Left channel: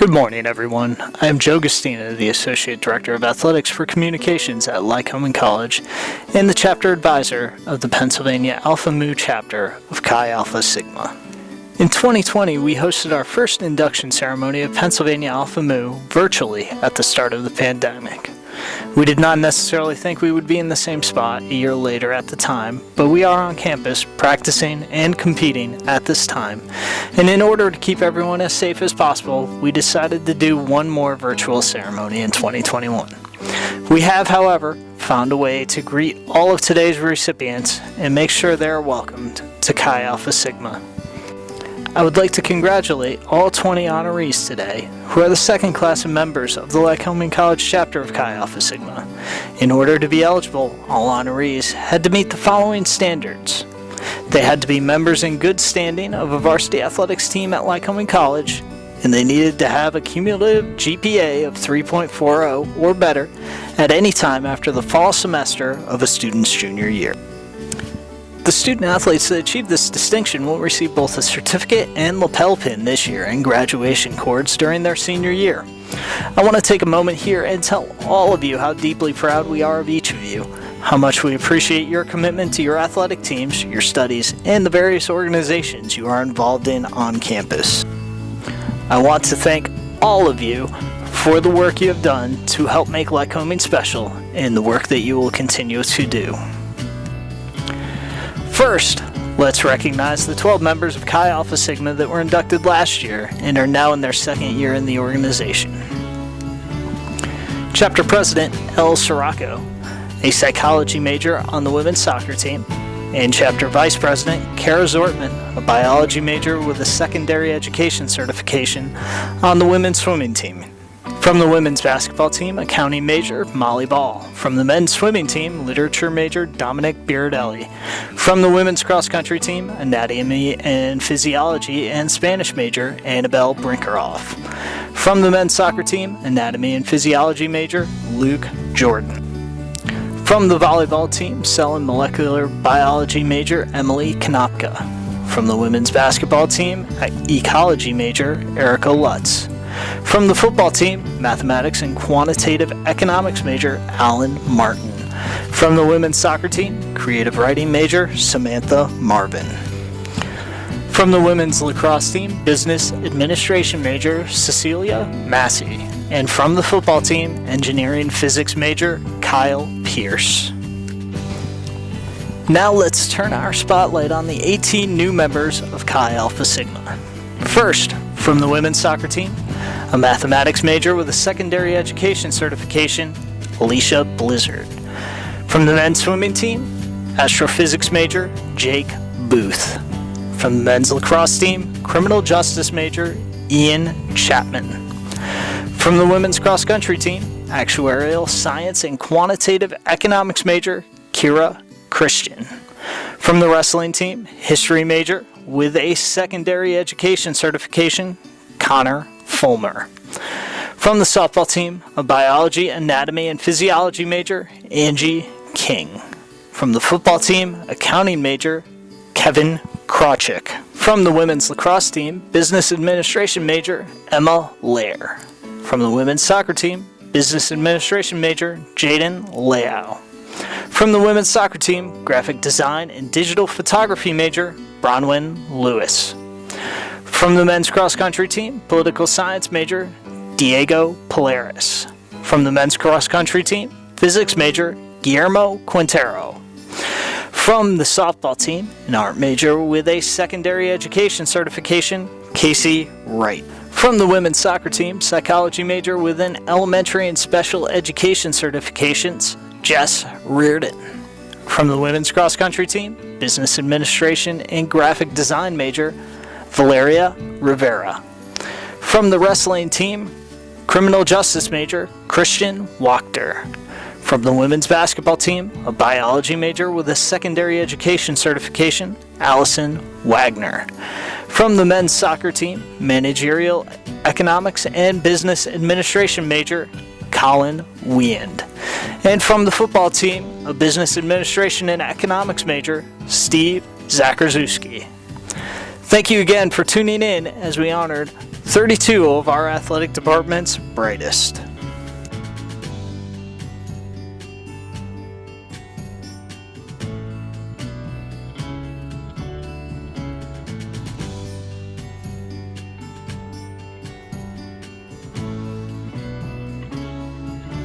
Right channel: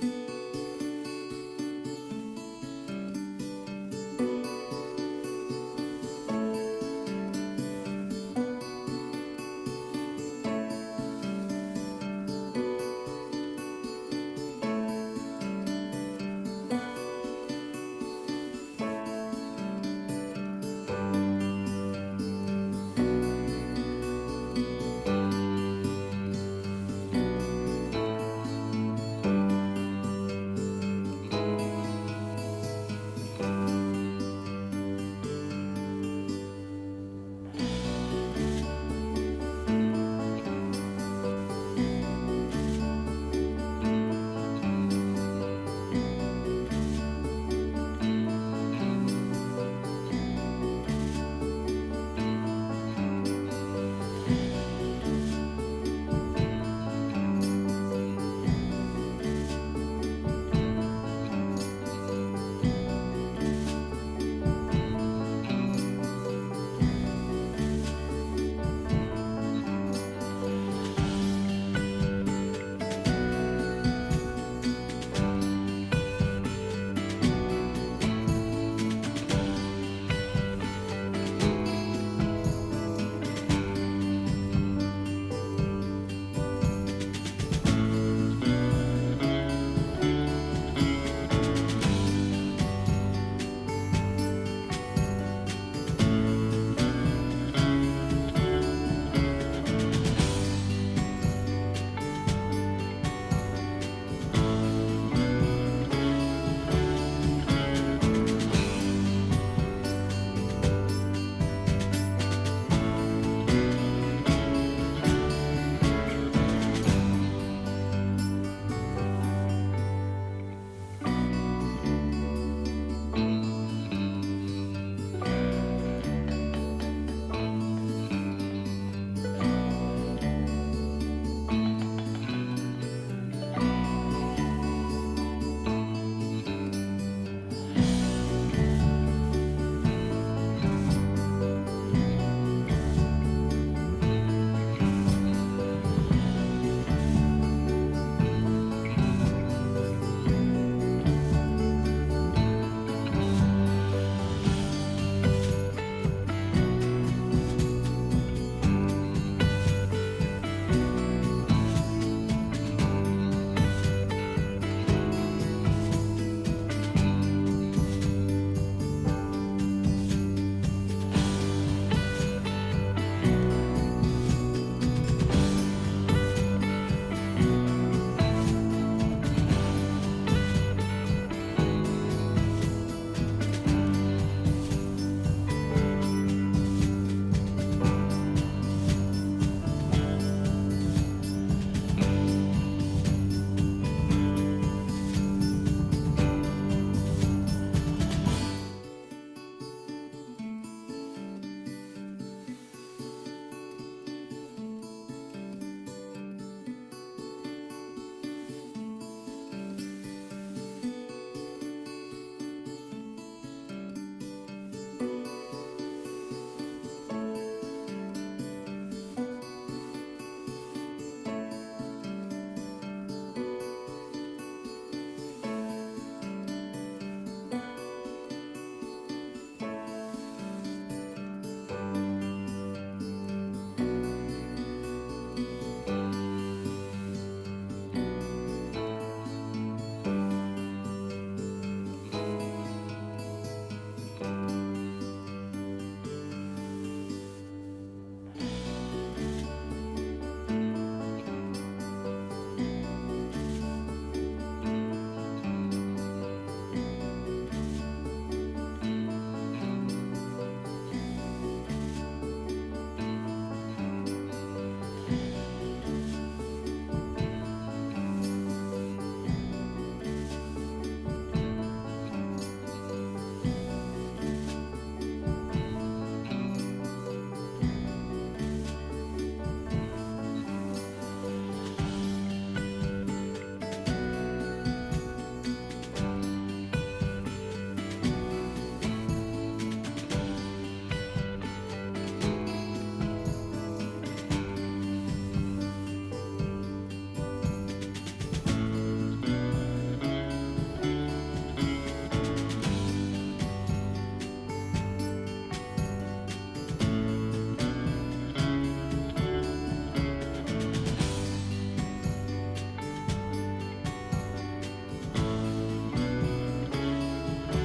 Good morning, everyone. I am Joe Gustina, the Associate Director of Athletics for Communications at Lycoming College and the Chapter Advisor of the Pennsylvania Alpha Mu Chapter of Chi Alpha Sigma. In 2020, we hosted our first induction ceremony of Pennsylvania Alpha Mu virtually at the start of the pandemic. We did not necessarily think we would be in the same spot a year later at the time, but we are on campus practicing and competing at this time. And in order to keep everyone as safe as possible, we decided to do one more virtual ceremony in 2021. We have, however, found a way to greet all of today's recipients and make sure they are welcomed to Chi Alpha Sigma. I would like to congratulate all 20 honorees today, who are the second class of members of the Lycoming College chapter of Chi Alpha Sigma. In order to be eligible, all honorees had to meet the following standards. They had to be members in good standing of a varsity athletics team at Lycoming College, and they needed to have a cumulative GPA of 3.40 or better at any time after the fall semester of a student's junior year. The student athletes that achieve this distinction will receive both a certificate and lapel pin this year and graduation cords during their senior year. I want to take a moment here and tell all of you how deeply proud we are of each of you, how much we appreciate your commitment to your athletic teams, your studies, and the various organizations you are involved in on campus. I want to thank all of you for the work you have done to help make Lycoming special and the work that you will continue to do. First, let's recognize the 12 members of Chi Alpha Sigma that were inducted last year and are now in their second year in the organization. Chapter President El Sirocco, a psychology major on the women's soccer team, and Chapter Vice President Kara Zortman, a biology major with a secondary education certification on the women's swimming team. From the women's basketball team, accounting major Molly Ball. From the men's swimming team, literature major Dominic Biridelli. From the women's cross-country team, anatomy and physiology and Spanish major Annabelle Brinkerhoff. From the men's soccer team, anatomy and physiology major Luke Jordan. From the volleyball team, cell and molecular biology major Emily Konopka. From the women's basketball team, ecology major Erica Lutz. From the football team, mathematics and quantitative economics major Alan Martin. From the women's soccer team, creative writing major Samantha Marvin. From the women's lacrosse team, business administration major Cecilia Massey. And from the football team, engineering physics major Kyle Pierce. Now let's turn our spotlight on the 18 new members of Chi Alpha Sigma. First, from the women's soccer team, a mathematics major with a secondary education certification, Alicia Blizzard. From the men's swimming team, astrophysics major, Jake Booth. From the men's lacrosse team, criminal justice major, Ian Chapman. From the women's cross-country team, actuarial science and quantitative economics major, Kira Christian. From the wrestling team, history major with a secondary education certification, Connor Fulmer. From the softball team, a biology, anatomy, and physiology major, Angie King. From the football team, accounting major, Kevin Krawczyk. From the women's lacrosse team, business administration major, Emma Lair. From the women's soccer team, business administration major, Jaden Leao. From the women's soccer team, graphic design and digital photography major, Bronwyn Lewis. From the men's cross-country team, political science major, Diego Polaris. From the men's cross-country team, physics major, Guillermo Quintero. From the softball team, an art major with a secondary education certification, Casey Wright. From the women's soccer team, psychology major with an elementary and special education certifications, Jess Reardon. From the women's cross-country team, business administration and graphic design major, Valeria Rivera. From the wrestling team, criminal justice major, Christian Wachter. From the women's basketball team, a biology major with a secondary education certification, Allison Wagner. From the men's soccer team, managerial economics and business administration major, Colin Weand. And from the football team, a business administration and economics major, Steve Zacharzewski. Thank you again for tuning in as we honored 32 of our athletic department's brightest.